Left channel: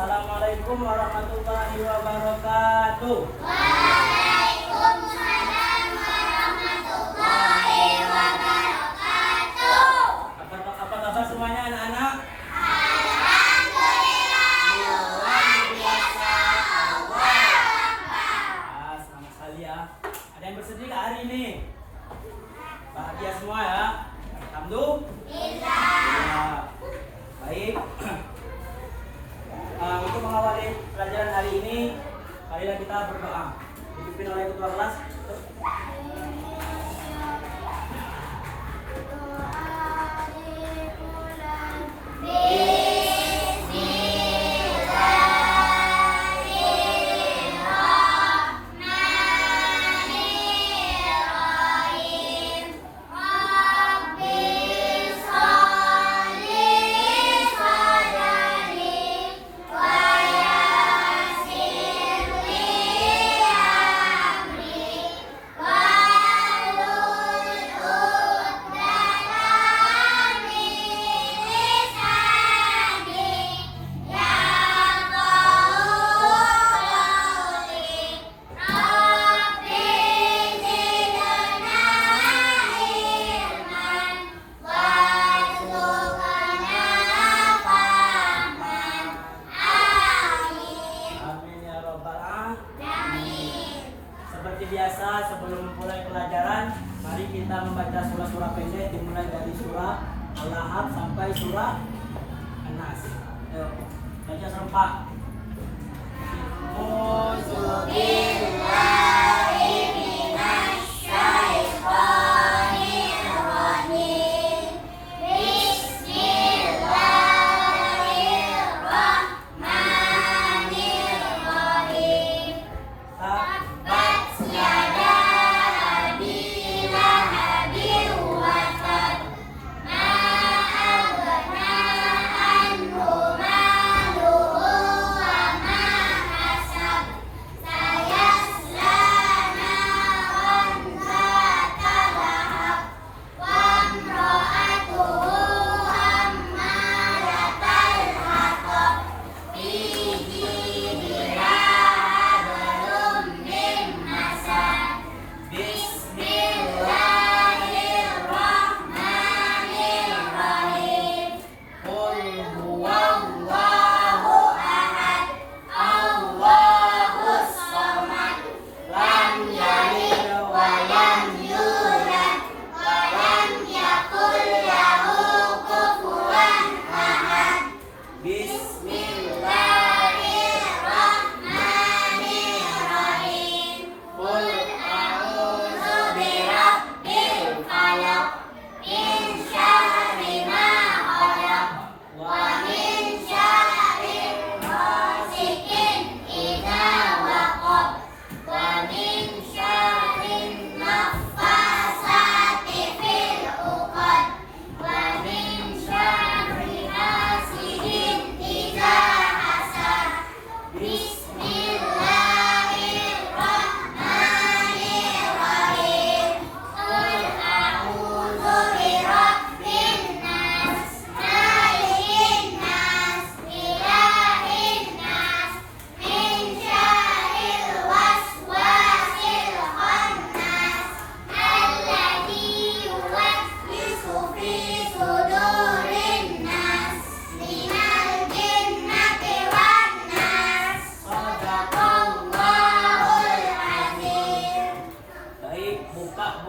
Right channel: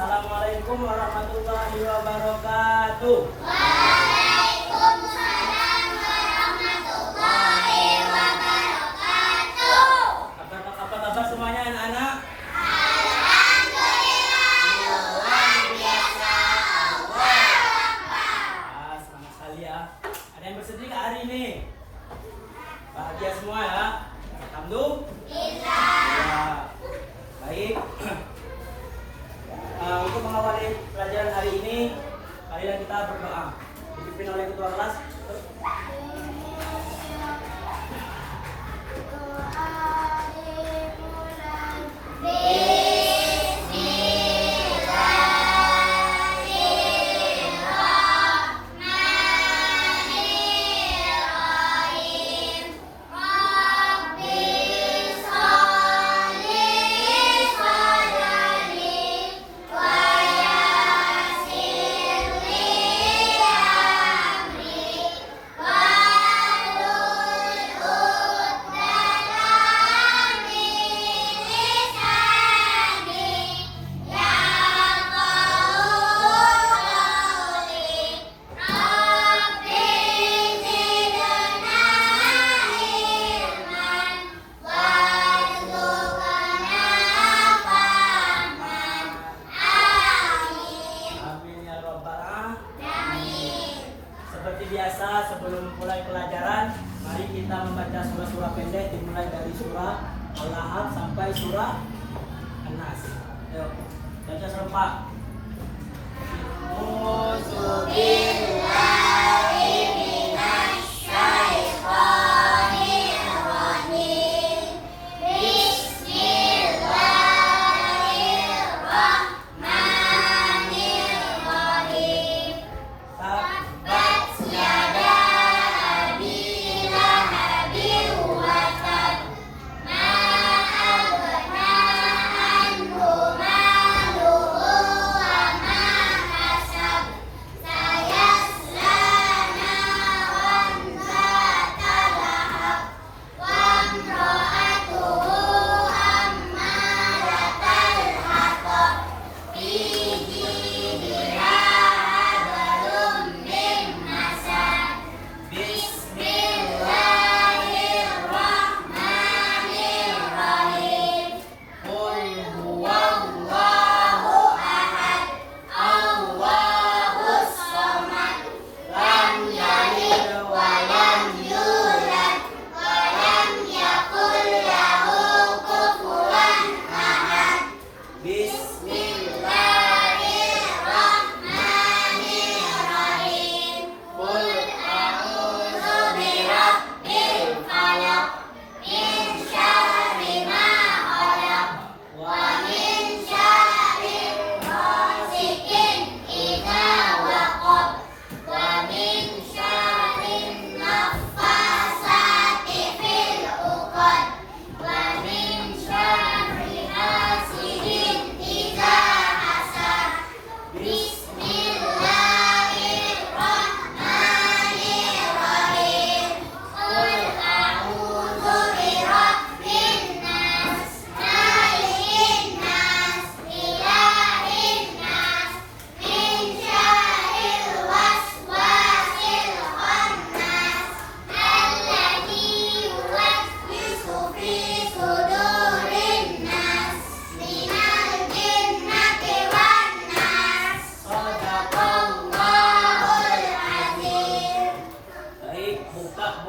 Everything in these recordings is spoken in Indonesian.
Assalamualaikum warahmatullahi wabarakatuh. Waalaikumsalam warahmatullahi wabarakatuh. Apa kabar semuanya anak-anak? Alhamdulillah. Selamat sekali ya. Ada yang bersedih nggak hari ini? Bahagia semua ya. Alhamdulillah. Ya. Baik. Untuk mengawali pelajaran hari ini, marilah kita berdoa. Dipimpin oleh ketua kelas. Seperti biasa, sebelum memulai pelajaran, mari kita membaca surah-surah pendek dimulai dari surah Al-Ahqaf sampai surah An-Nas. Ayo, baca serempak.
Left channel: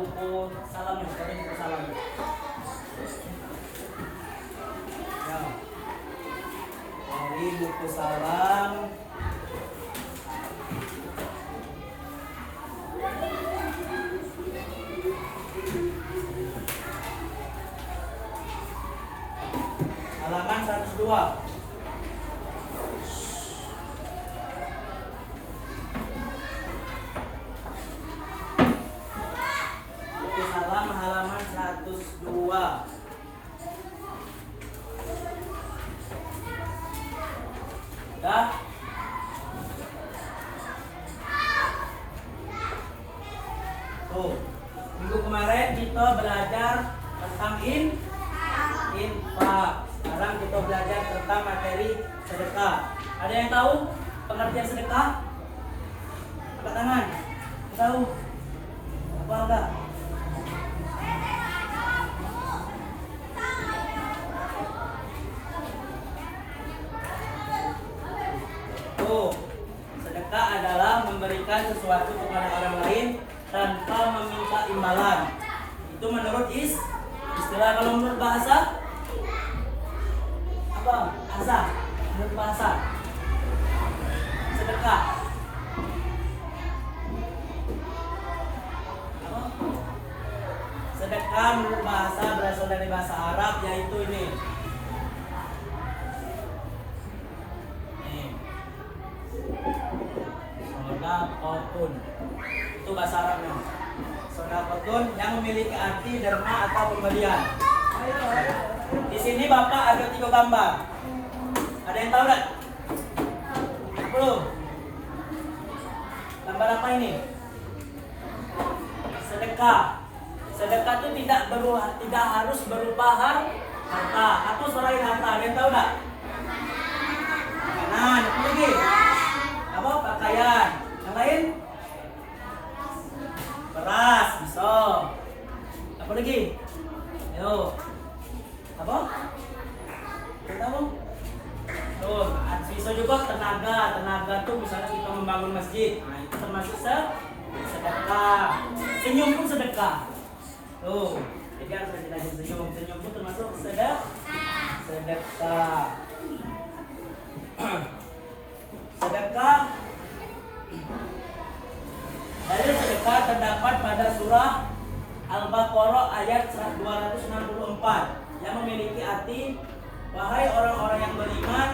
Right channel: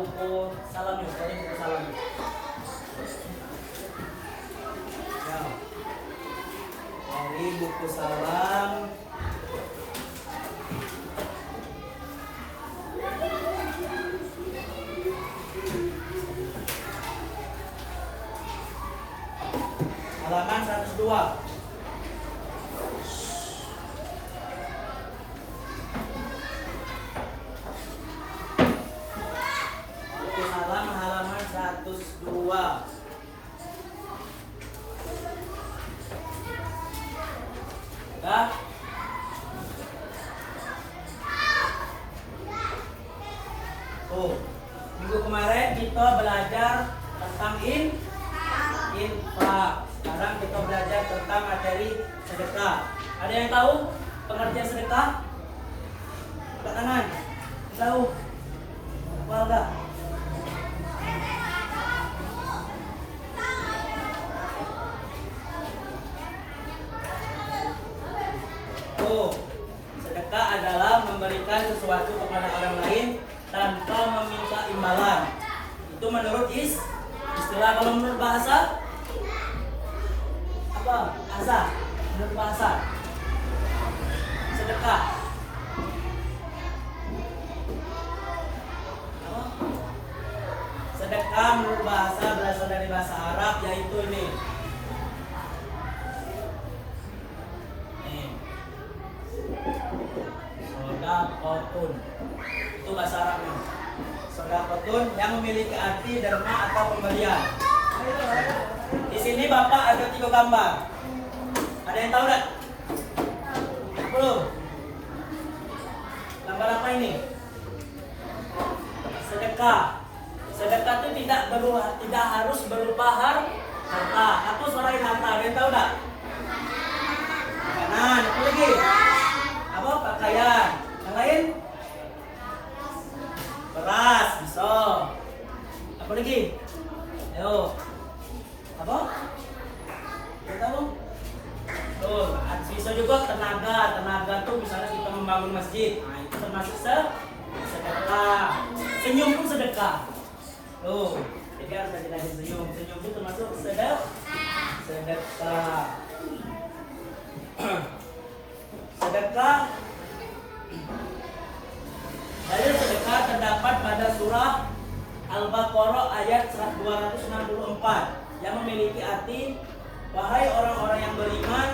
Buku salamnya, buku salamnya. Ini buku salam. Halaman 102. Halaman 102. Ya. Tuh, minggu kemarin kita belajar tentang infak. Sekarang kita belajar tentang materi sedekah. Ada yang tahu pengertian sedekah? Angkat tangan. Tahu? Apa enggak? Sedekah adalah memberikan sesuatu kepada orang lain tanpa meminta imbalan. Itu menurut istilah. Kalau menurut bahasa apa? Bahasa. Menurut bahasa sedekah apa? Sedekah menurut bahasa berasal dari bahasa Arab, yaitu ini. Sodaqotun. Itu bahasa Arabnya. Sodaqotun yang memiliki arti derma atau pemberian. Di sini Bapak ada 3 gambar. Ada yang tahu nggak? Belum. Gambar apa ini? Sedekah. Sedekah itu tidak harus berupa harta atau selain harta. Ada yang tahu nggak? Makanan. Apa lagi? Apa? Pakaian. Yang lain? Beras, pisau. Apa lagi? Ayo. Apa? Tahu? Tuh, bisa juga tenaga tuh misalnya kita membangun masjid. Nah, itu termasuk sedekah. Senyum pun sedekah. Tuh, jadi harus jadi senyum. Senyum itu termasuk sedekah. Sedekah. Dari sedekah terdapat pada surah Al-Baqarah ayat 264 yang memiliki arti, wahai orang-orang yang beriman,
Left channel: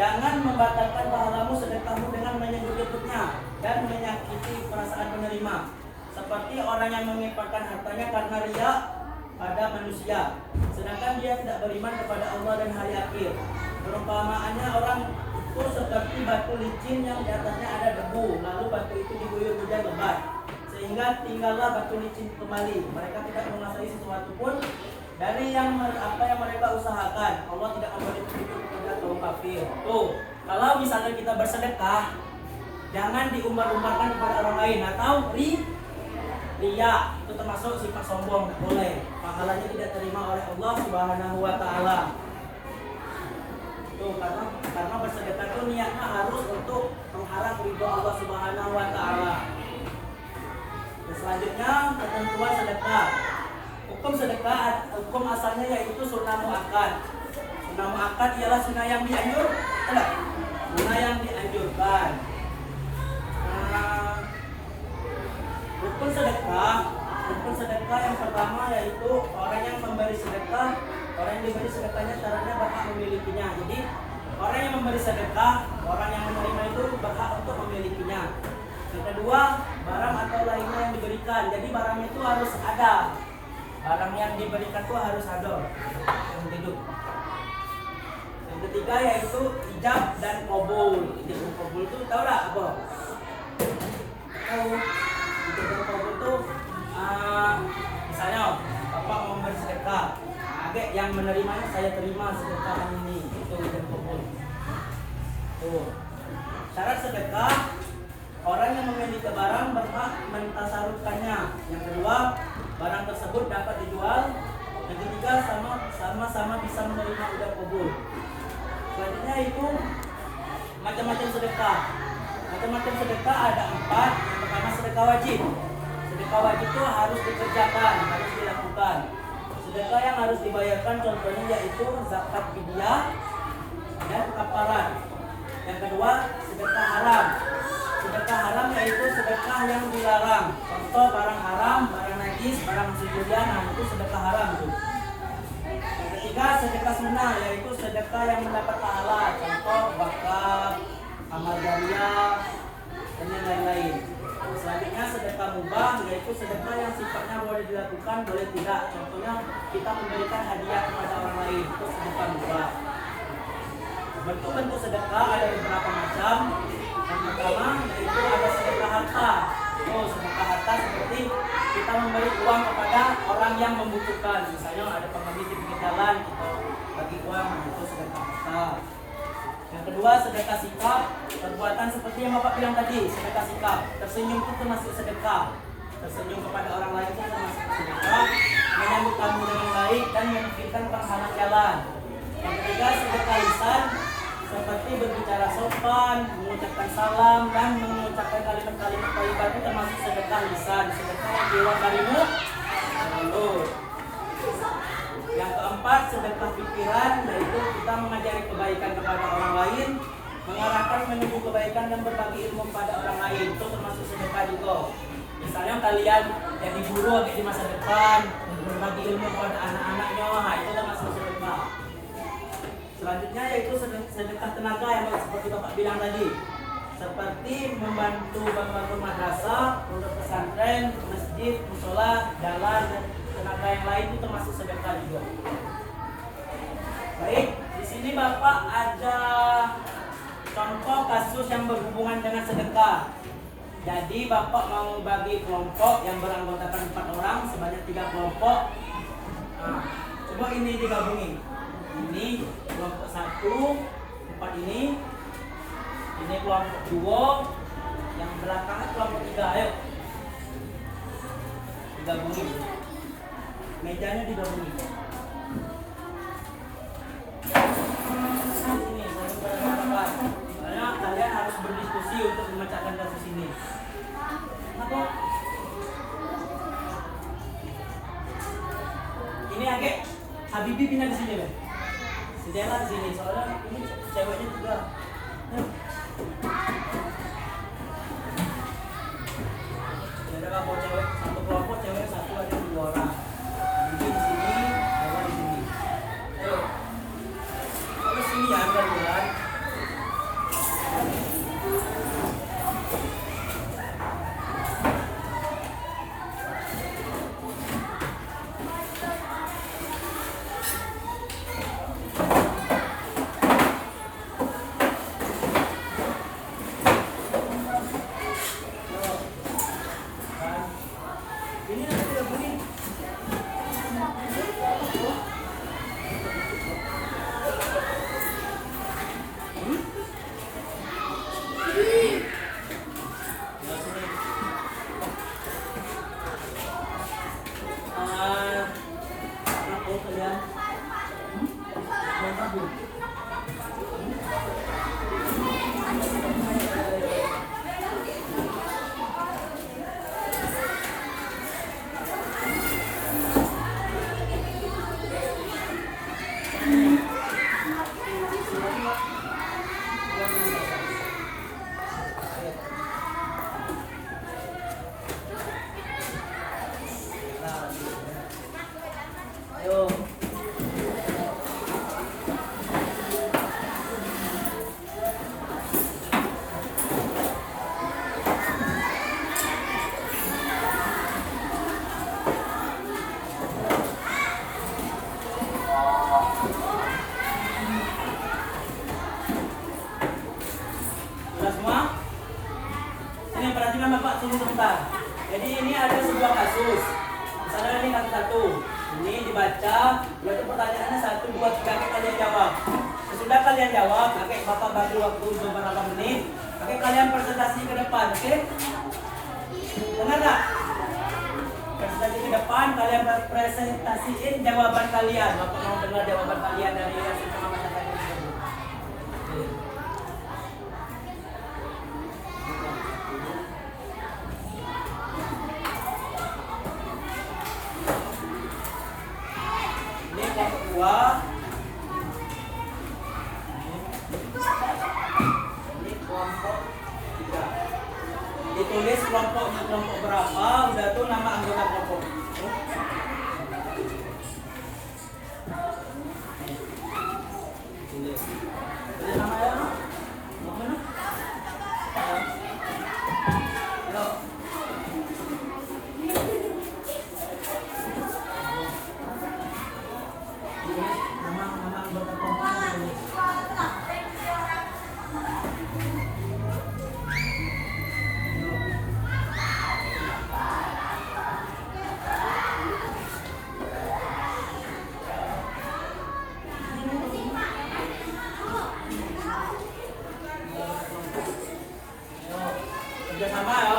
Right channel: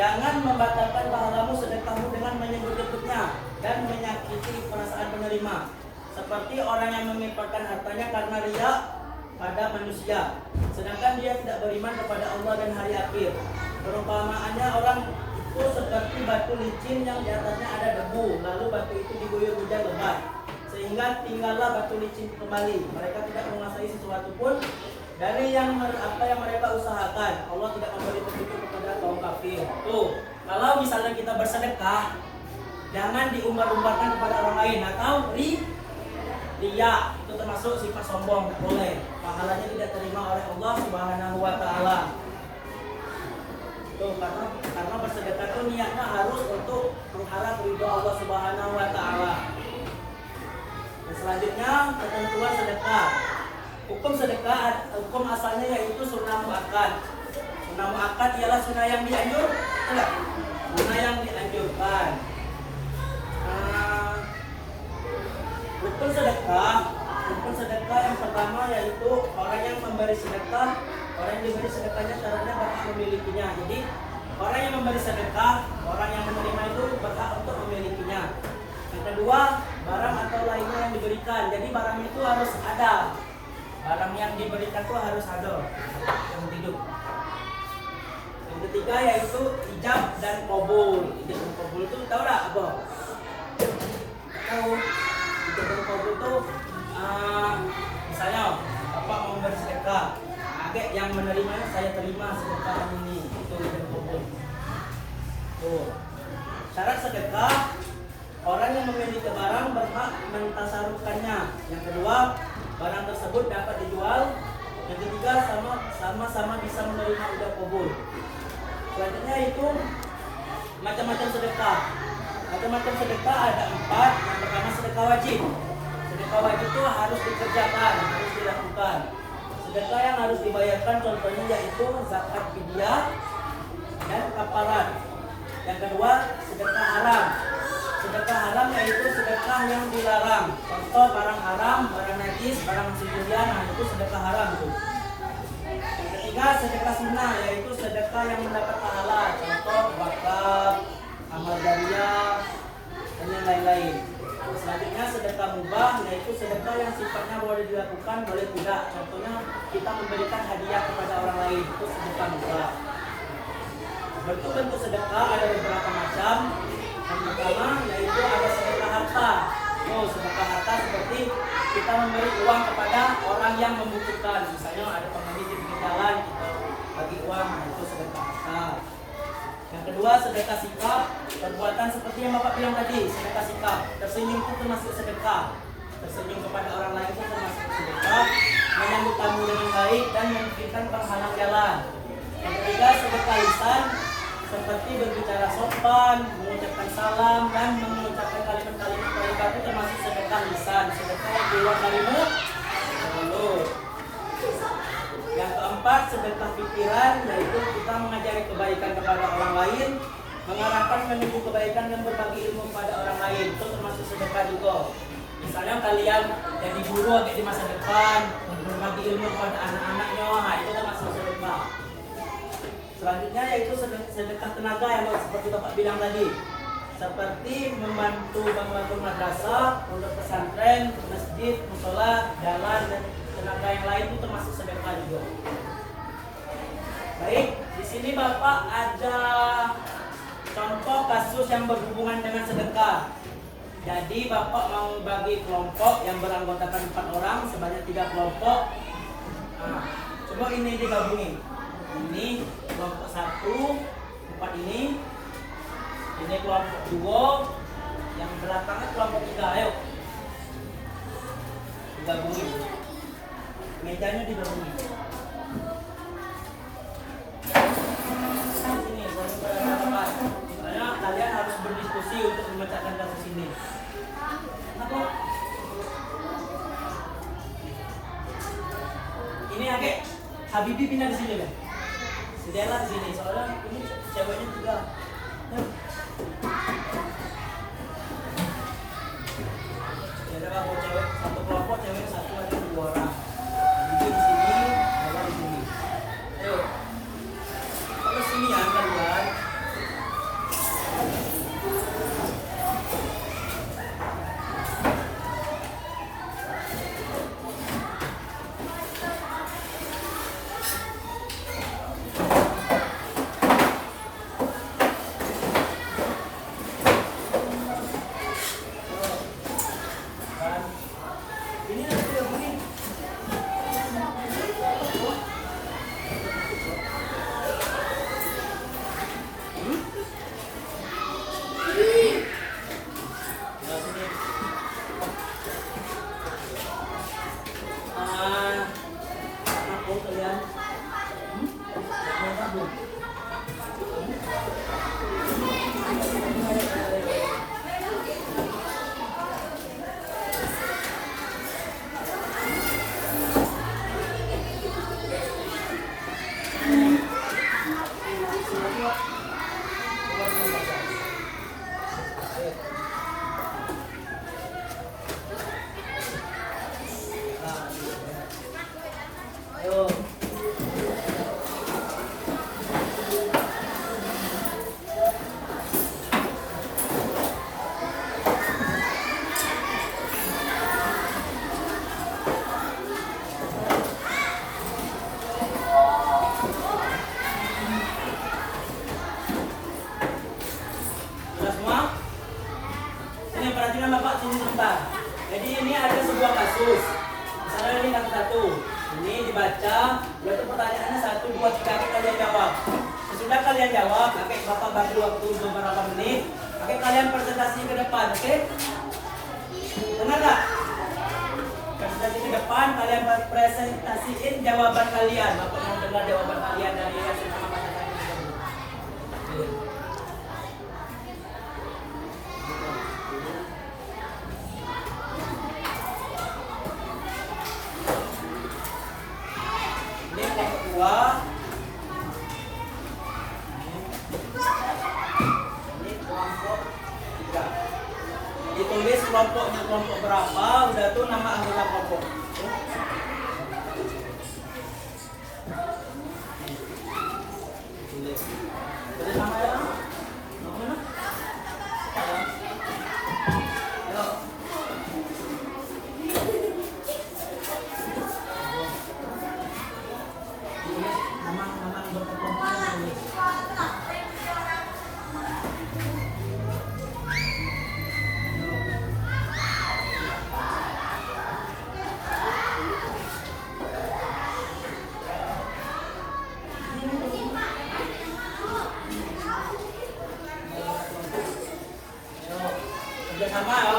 jangan membatalkan pahalmu sedekahmu dengan menyebut-nyebutnya dan menyakiti perasaan penerima, seperti orang yang menyimpulkan hartanya karena riya pada manusia, sedangkan dia tidak beriman kepada Allah dan hari akhir. Perumpamaannya orang itu seperti batu licin yang di atasnya ada debu, lalu batu itu diguyur hujan lebat, sehingga tinggallah batu licin kembali. Mereka tidak menguasai sesuatu pun dari apa yang mereka usahakan. Allah tidak akan memberi petunjuk kepada kaum kafir. Tuh, kalau misalnya kita bersedekah, jangan diumbar-umbarkan kepada orang lain atau riya. Itu termasuk sifat sombong, tidak boleh. Pahalanya tidak terima oleh Allah Subhanahu wa taala. Tuh, karena bersedekah itu niatnya harus untuk mengharap ridho Allah Subhanahu wa taala. Dan selanjutnya ketentuan sedekah. Hukum sedekah, hukum asalnya yaitu sunnah muakkad. Sunnah muakkad ialah sunnah yang dianjurkan. Sunnah yang dianjurkan. Rukun sedekah yang pertama yaitu orang yang memberi sedekah, orang yang diberi sedekahnya syaratnya berhak memilikinya. Jadi orang yang memberi sedekah, orang yang menerima itu berhak untuk memilikinya. Yang kedua, barang atau lainnya yang diberikan. Jadi barang itu harus ada. Barang yang diberikan itu harus ada yang hidup. Yang ketiga yaitu ijab dan qabul. Ijab dan qabul itu tahu tak apa? Tahu? Ijab dan qabul itu misalnya bapak memberi sedekah, adik yang menerimanya saya terima sedekah yang ini. Itu ijab dan qabul. Tuh. Syarat sedekah, orang yang memiliki barang berhak mentasarufkannya. Yang kedua, barang tersebut dapat dijual. Yang ketiga, sama-sama bisa menerima ijab qabul. Selanjutnya itu macam-macam sedekah. Macam-macam sedekah ada 4. Yang pertama sedekah wajib. Sedekah wajib itu harus dikerjakan, harus dilakukan. Sedekah yang harus dibayarkan contohnya yaitu zakat fidyah dan kafarat. Yang kedua sedekah haram. Sedekah haram yaitu sedekah yang dilarang. Contoh barang haram, barang najis, barang sucian, itu sedekah haram itu. Yang ketiga sedekah sunnah yaitu sedekah yang mendapat pahala. Contoh wakaf, amal jariah, dan yang lain-lain. Selanjutnya sedekah mubah yaitu sedekah yang sifatnya boleh dilakukan, boleh tidak. Contohnya kita memberikan hadiah kepada orang lain, itu sedekah mubah. Bentuk-bentuk sedekah ada beberapa macam. Yang pertama yaitu ada sedekah harta. Sedekah harta seperti kita memberi uang kepada orang yang membutuhkan. Misalnya ada pengemis di pinggir jalan, bagi uang, itu sedekah harta. Yang kedua, sedekah sikap, perbuatan seperti yang Bapak bilang tadi, sedekah sikap. Tersenyum itu termasuk sedekah. Tersenyum kepada orang lain itu termasuk sedekah. Menyambut tamu dengan baik dan memikirkan penghalang jalan. Yang ketiga, sedekah lisan, seperti berbicara sopan, mengucapkan salam, dan mengucapkan kalimat-kalimat baik itu termasuk sedekah lisan. Sedekah yang keluar dari mulut. Yang keempat, sedekah pikiran, yaitu kita mengajari kebaikan kepada orang lain, mengarahkan menuju kebaikan dan berbagi ilmu kepada orang lain. Itu termasuk sedekah juga. Misalnya kalian jadi guru di masa depan, berbagi ilmu kepada anak-anaknya, nah itu termasuk sedekah. Selanjutnya yaitu sedekah tenaga yang seperti Bapak bilang tadi, seperti membantu bangun madrasah, pondok pesantren, masjid, musola, jalan, dan tenaga yang lain itu termasuk sedekah juga. Baik, di sini Bapak ada contoh kasus yang berhubungan dengan sedekah. Jadi Bapak mau bagi kelompok yang beranggotakan 4 orang sebanyak 3 kelompok. Nah, coba ini digabungin. Ini kelompok 1, 4 ini kelompok 2, yang belakangnya kelompok 3. Ayo digabungin. Mejanya digabungin. Ini karena kalian harus berdiskusi untuk memecahkan kasus ini. Ini agak Habibi pindah di sini deh. Si Dela di sini soalnya ini ceweknya juga. Ada kelompok cewek, satu kelompok cewek satu lagi 2 orang. Habibi di sini, Dela di sini. Ayo. Kalau sini ya kalian. Ini nanti yang beri. Aku kalian. Ayo. Sudah semua? Ini perhatikan Bapak tunggu sebentar. Jadi ini ada sebuah kasus. Misalnya ini kasus 1. Ini dibaca, berarti pertanyaannya 1, 2, 3, kalian jawab. Sesudah kalian jawab, Bapak bagi waktu beberapa menit. Kalian presentasi ke depan, oke? Dengar nggak? Presentasi ke depan, kalian presentasiin jawaban kalian. Bapak mau dengar jawaban kalian dari yang sama tadi. Ini kelompok 2. Ini kelompok 3. Ditulis kelompoknya kelompok berapa, udah tuh nama anggota kelompok. Tulis. Tulis namanya. Mana? Sudah sama ya.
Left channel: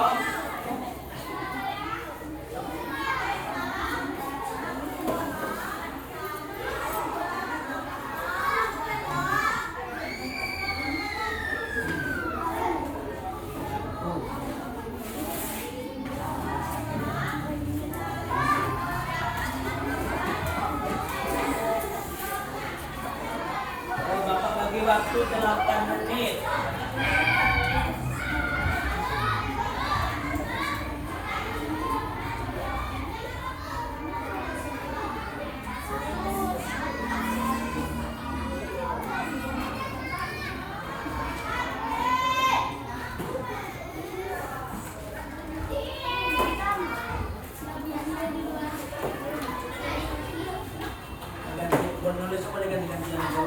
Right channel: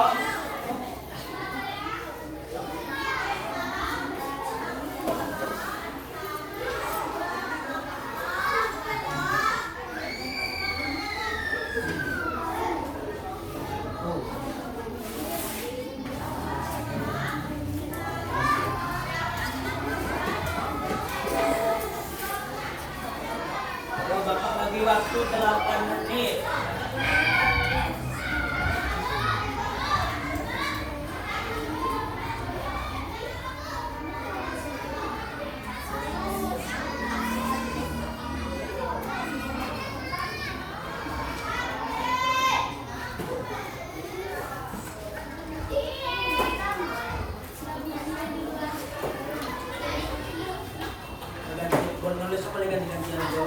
Bapak bagi waktu 8 menit. Nulis apa lagi ganti-ganti lagi?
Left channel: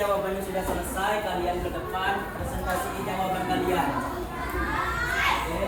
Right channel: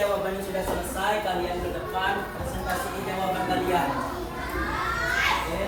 Jawabannya sudah selesai, kalian ke depan presentasikan jawaban kalian. Oke.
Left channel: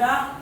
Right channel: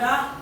sudah?